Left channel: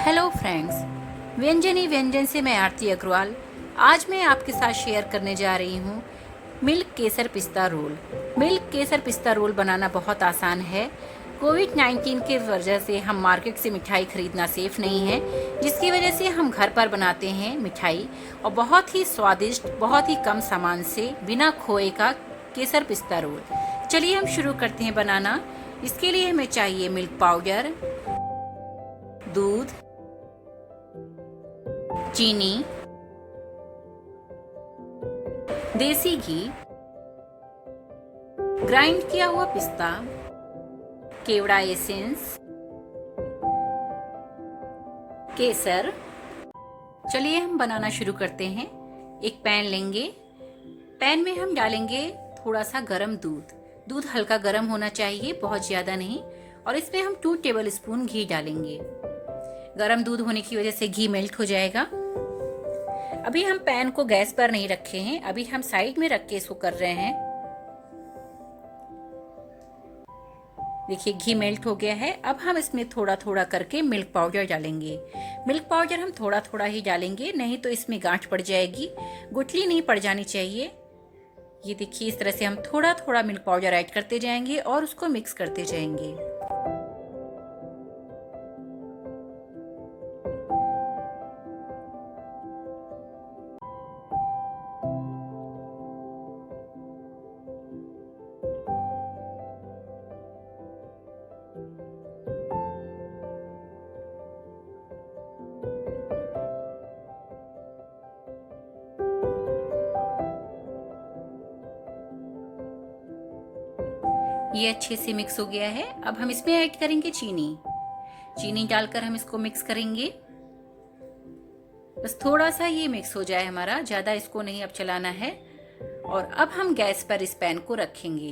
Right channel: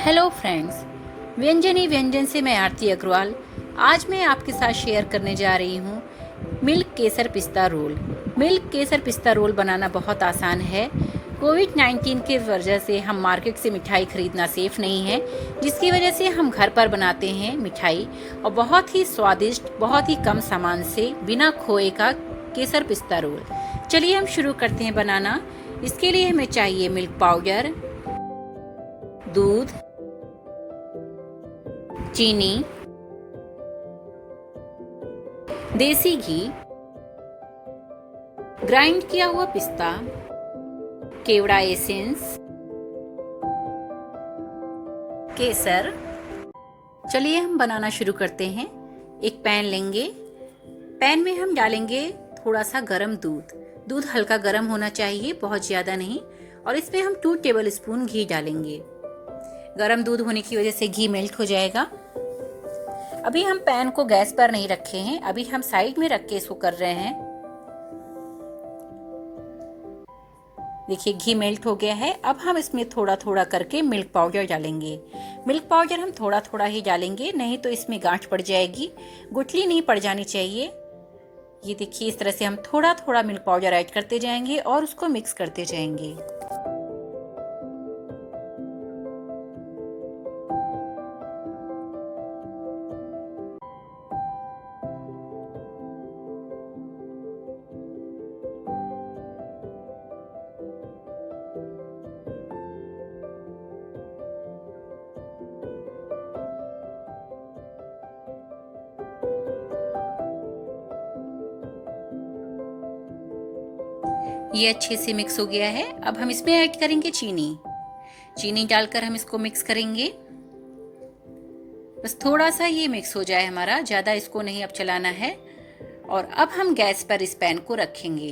Hello friends, व्यंजन से मैं आरती अग्रवाल। आज मैं आपके साथ शेयर करने जा रही हूँ मिल्क केसर पिस्ता रोल। मिल्क केसर पिस्ता रोल बनाना बहुत आसान है। कोविड-19 के वजह से हम मार्केट से मिठाई खरीदना सेफ नहीं है, जिसकी वजह से हम घर पर बनाते हैं मिठाई, और बहुत ही स्वादिष्ट, बहुत ही कम सामान से बिना खोए का केसर पिस्ता रोल। चलिए हम शुरू करते हैं बनाना। इसके लिए हमें चाहिए मिल्क पाउडर, दूध, चीनी, देसी घी, ग्राइंड किया हुआ पिस्ता, केवड़ा एसेंस, केसर। चलिए हम बनाना शुरू करते हैं। एक पैन लेंगे। पैन में हम डालेंगे थोड़ा सा गरम दूध। दूध हल्का गरम होना चाहिए, बहुत ज्यादा नहीं। और इसमें हम 2 टेबल स्पून घी डालेंगे। गरम दूध होने की वजह से घी मेल्ट हो जाएगा। अभी हम पैन को गैस पर नहीं रखे हैं, अभी हम साइड में रख के इसको कर रहे हैं। देखिए घी मेल्ट हो गया है। अब हम इसमें थोड़ा थोड़ा करके मिल्क पाउडर डालेंगे। मिल्क पाउडर हम थोड़ा थोड़ा ही डालेंगे, नहीं तो इसमें गांठ पड़ जाएगी, गुठली नहीं पड़ जानी चाहिए। ये देखिए इस तरह से हम थोड़ा थोड़ा मिल्क पाउडर ऐड करते जाएंगे और उसको मिक्स करते जाएंगे। ये अच्छे से मिक्स हो गया है। अब हम इसमें ऐड करेंगे चीनी। चीनी डालकर हम इसको मिक्स करेंगे। बस थोड़ा सा ये मिक्स हो जाए हमारा, ज़्यादा इसको नहीं अब चलाना है। और अब हम गैस पर इस पैन को रखेंगे।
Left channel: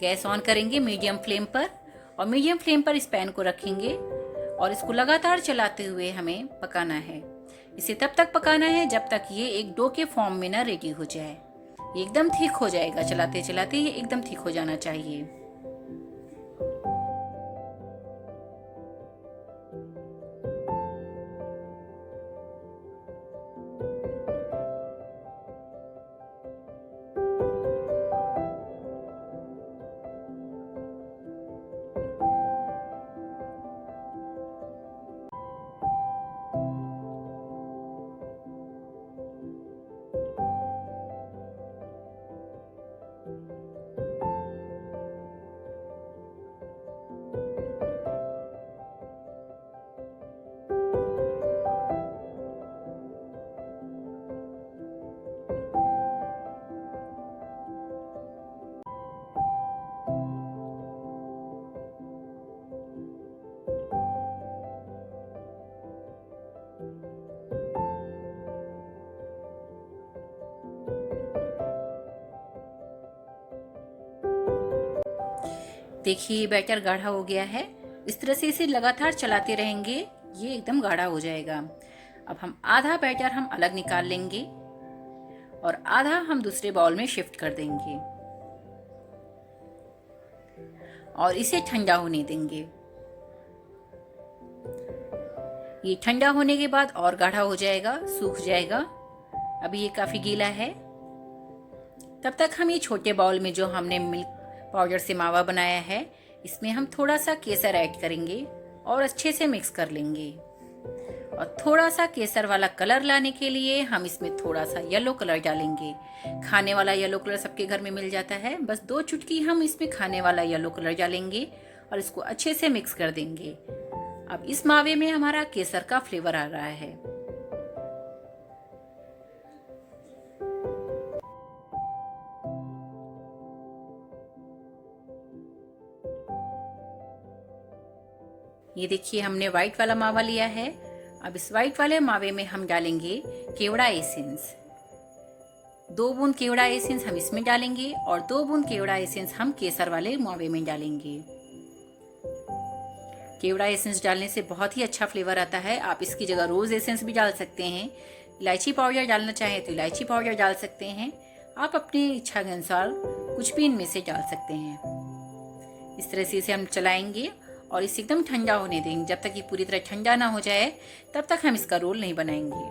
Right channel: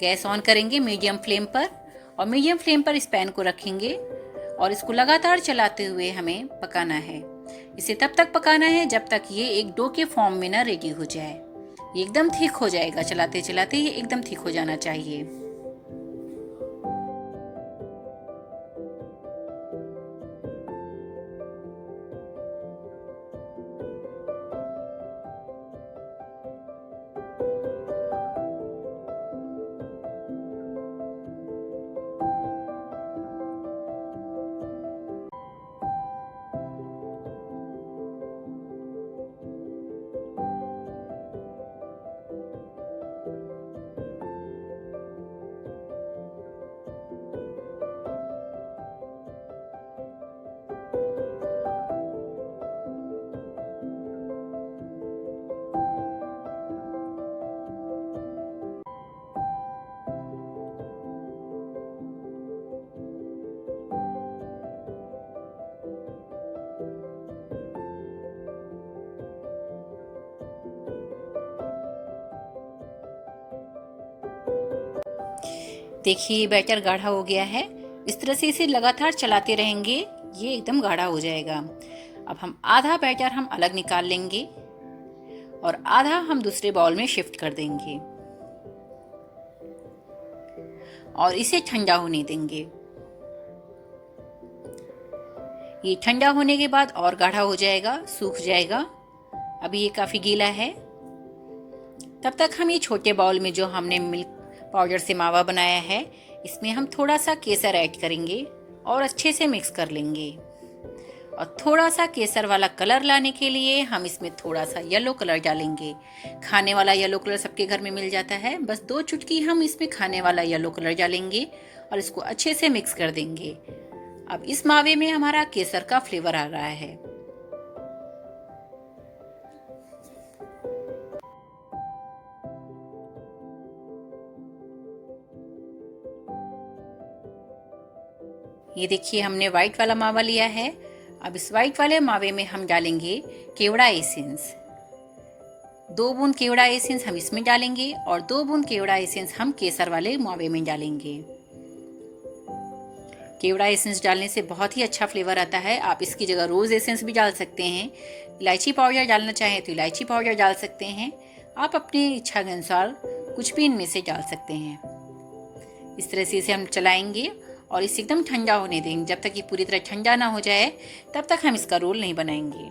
गैस ऑन करेंगे मीडियम फ्लेम पर, और मीडियम फ्लेम पर इस पैन को रखेंगे और इसको लगातार चलाते हुए हमें पकाना है। इसे तब तक पकाना है जब तक ये एक डो के फॉर्म में ना रेडी हो जाए। ये एकदम थिक हो जाएगा, चलाते चलाते ये एकदम थिक हो जाना चाहिए। देखिए ये बैटर गाढ़ा हो गया है। इस तरह से इसे लगातार चलाते रहेंगे, ये एकदम गाढ़ा हो जाएगा। अब हम आधा बैटर हम अलग निकाल लेंगे और आधा हम दूसरे बाउल में शिफ्ट कर देंगे और इसे ठंडा होने देंगे। ये ठंडा होने के बाद और गाढ़ा हो जाएगा, सूख जाएगा। अभी ये काफी गीला है। तब तक हम ये छोटे बाउल में जो हमने मिल्क पाउडर से मावा बनाया है, इसमें हम थोड़ा सा केसर ऐड करेंगे और अच्छे से मिक्स कर लेंगे। और थोड़ा सा केसर वाला कलर लाने के लिए हम इसमें थोड़ा सा येलो कलर डालेंगे। खाने वाला येलो कलर सबके घर में मिल जाता है, बस 2 चुटकी हम इसमें खाने वाला येलो कलर डालेंगे और इसको अच्छे से मिक्स कर देंगे। अब इस मावे में हमारा केसर का फ्लेवर आ रहा है। ये देखिए हमने व्हाइट वाला मावा लिया है। अब इस व्हाइट वाले मावे में हम डालेंगे केवड़ा एसेंस। 2 बूंद केवड़ा एसेंस हम इसमें डालेंगे और 2 बूंद केवड़ा एसेंस हम केसर वाले मावे में डालेंगे। केवड़ा एसेंस डालने से बहुत ही अच्छा फ्लेवर आता है। आप इसकी जगह रोज एसेंस भी डाल सकते हैं। इलायची पाउडर डालना चाहें तो इलायची पाउडर डाल सकते हैं। आप अपनी इच्छा के अनुसार कुछ भी इनमें से डाल सकते हैं। इस तरह से इसे हम चलाएंगे और इसे एकदम ठंडा होने देंगे। जब तक ये पूरी तरह ठंडा ना हो जाए तब तक हम इसका रोल नहीं बनाएंगे।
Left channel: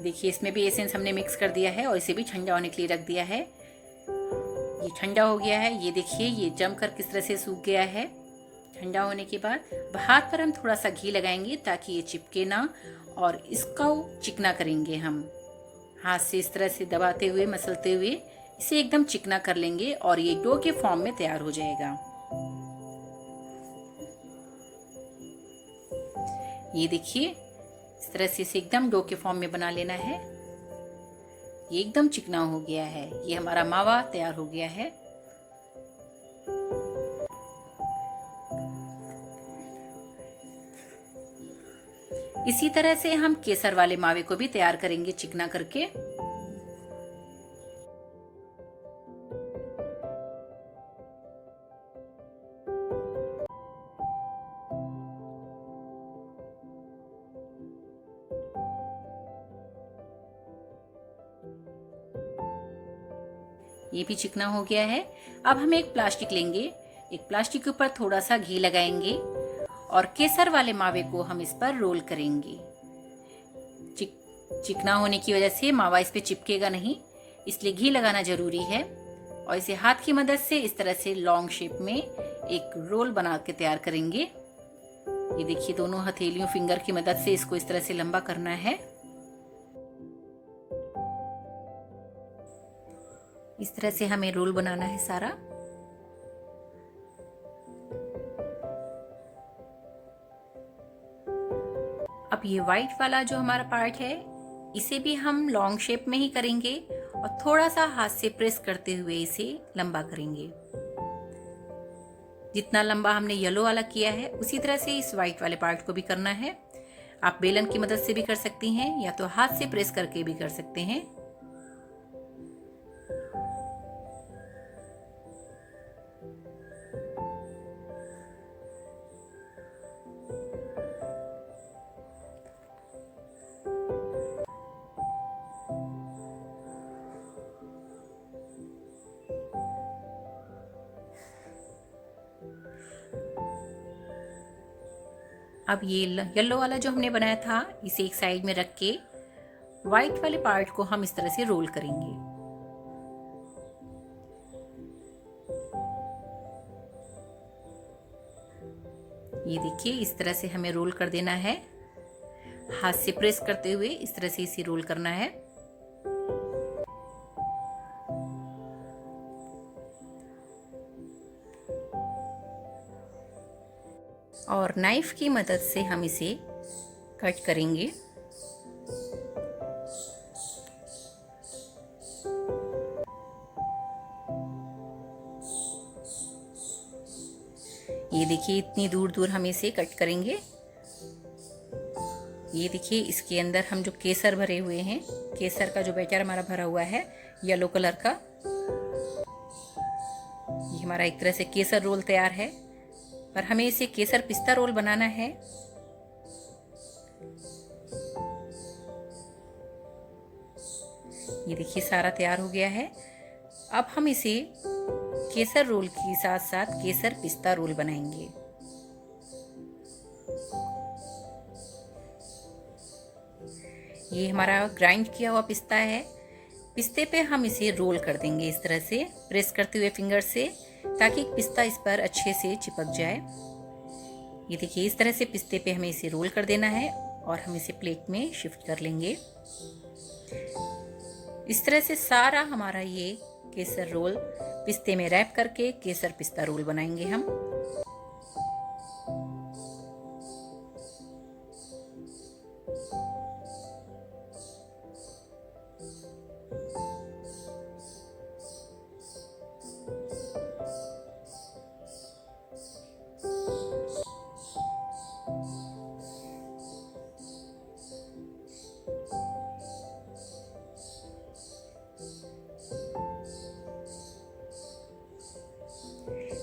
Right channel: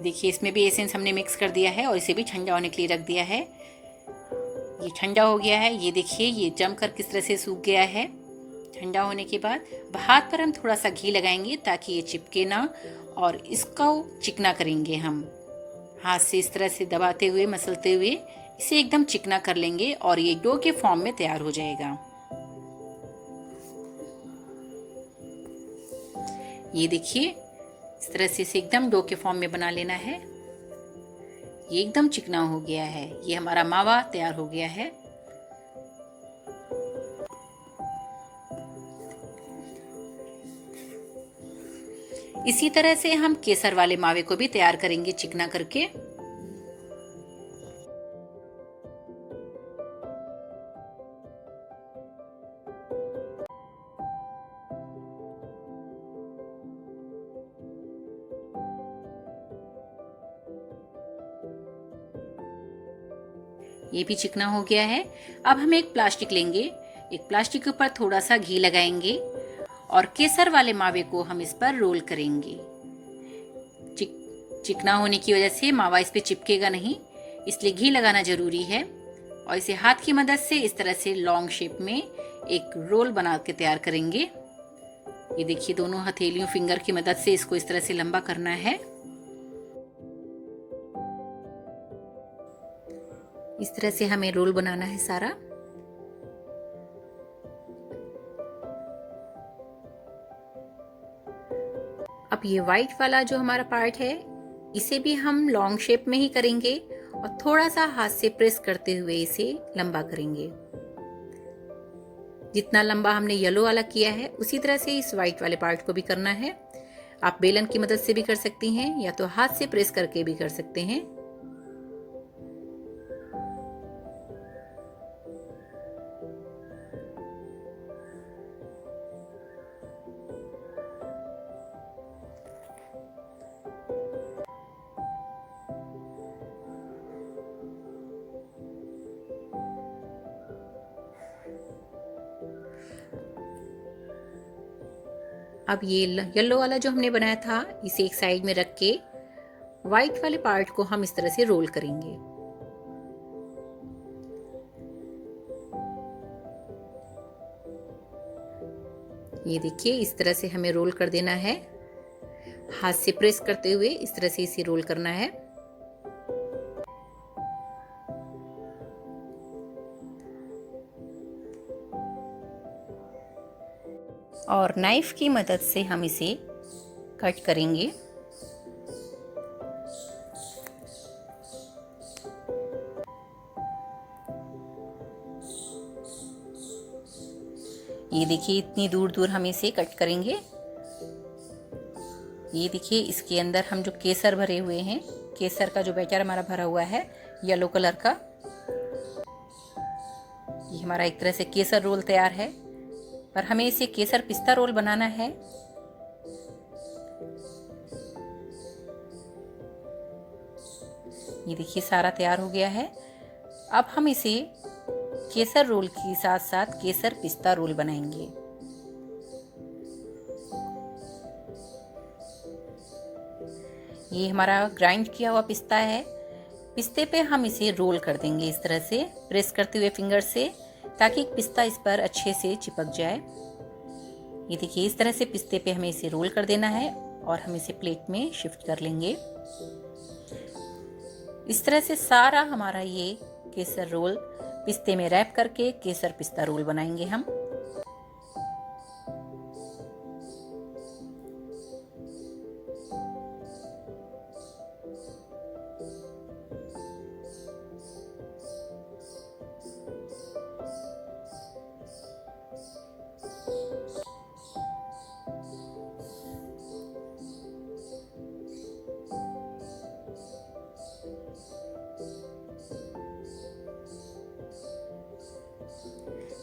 देखिए इसमें भी एसेंस हमने मिक्स कर दिया है और इसे भी ठंडा होने के लिए रख दिया है। ये ठंडा हो गया है। ये देखिए ये जमकर किस तरह से सूख गया है। ठंडा होने के बाद हाथ पर हम थोड़ा सा घी लगाएंगे ताकि ये चिपके ना, और इसको चिकना करेंगे। हम हाथ से इस तरह से दबाते हुए, मसलते हुए इसे एकदम चिकना कर लेंगे और ये डो के फॉर्म में तैयार हो जाएगा। ये देखिए इस तरह से इसे एकदम डो के फॉर्म में बना लेना है। ये एकदम चिकना हो गया है। ये हमारा मावा तैयार हो गया है। इसी तरह से हम केसर वाले मावे को भी तैयार करेंगे चिकना करके। ये भी चिकना हो गया है। अब हम एक प्लास्टिक लेंगे। एक प्लास्टिक के ऊपर थोड़ा सा घी लगाएंगे और केसर वाले मावे को हम इस पर रोल करेंगे। चिकना होने की वजह से मावा इस पे चिपकेगा नहीं, इसलिए घी लगाना जरूरी है। और इसे हाथ की मदद से इस तरह से लॉन्ग शेप में एक रोल बना के तैयार करेंगे। ये देखिए दोनों हथेलियों फिंगर की मदद से इसको इस तरह से लंबा करना है। इस तरह से हमें रोल बनाना है सारा। अब ये वाइट वाला जो हमारा पार्ट है इसे भी हम लॉन्ग शेप में ही करेंगे और थोड़ा सा हाथ से प्रेस करते हुए इसे लंबा करेंगे। जितना लंबा हमने येलो वाला किया है उसी तरह से इस वाइट वाले पार्ट को भी करना है। आप बेलन की मदद से भी कर सकती हैं या तो हाथ से प्रेस करके भी कर सकते हैं। अब ये येलो वाला जो हमने बनाया था इसे एक साइड में रख के व्हाइट वाले पार्ट को हम इस तरह से रोल करेंगे। ये देखिए इस तरह से हमें रोल कर देना है। हाथ से प्रेस करते हुए इस तरह से इसे रोल करना है। और नाइफ की मदद से हम इसे कट करेंगे। ये देखिए इतनी दूर दूर हम इसे कट करेंगे। ये देखिए इसके अंदर हम जो केसर भरे हुए हैं, केसर का जो बैटर हमारा भरा हुआ है येलो कलर का, ये हमारा एक तरह से केसर रोल तैयार है। पर हमें इसे केसर पिस्ता रोल बनाना है। ये देखिए सारा तैयार हो गया है। अब हम इसे केसर रोल के साथ साथ केसर पिस्ता रोल बनाएंगे। ये हमारा ग्राइंड किया हुआ पिस्ता है। पिस्ते पे हम इसे रोल कर देंगे इस तरह से प्रेस करते हुए फिंगर से, ताकि पिस्ता इस पर अच्छे से चिपक जाए। ये देखिए इस तरह से पिस्ते पे हमें इसे रोल कर देना है और हम इसे प्लेट में शिफ्ट कर लेंगे। इस तरह से सारा हमारा ये केसर रोल पिस्ते में रैप करके केसर पिस्ता रोल बनाएंगे हम।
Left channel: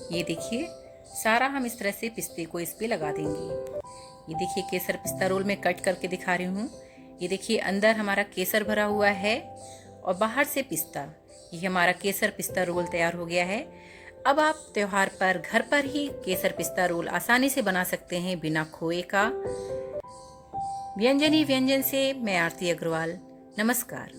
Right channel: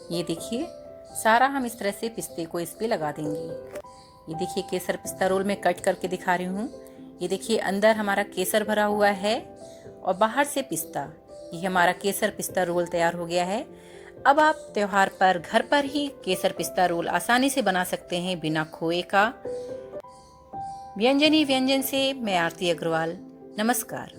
ये देखिए सारा हम इस तरह से पिस्ते को इस पे लगा देंगे। ये देखिए केसर पिस्ता रोल में कट करके दिखा रही हूँ। ये देखिए अंदर हमारा केसर भरा हुआ है और बाहर से पिस्ता। ये हमारा केसर पिस्ता रोल तैयार हो गया है। अब आप त्योहार पर घर पर ही केसर पिस्ता रोल आसानी से बना सकते हैं बिना खोए का। व्यंजन से मैं आरती अग्रवाल, नमस्कार।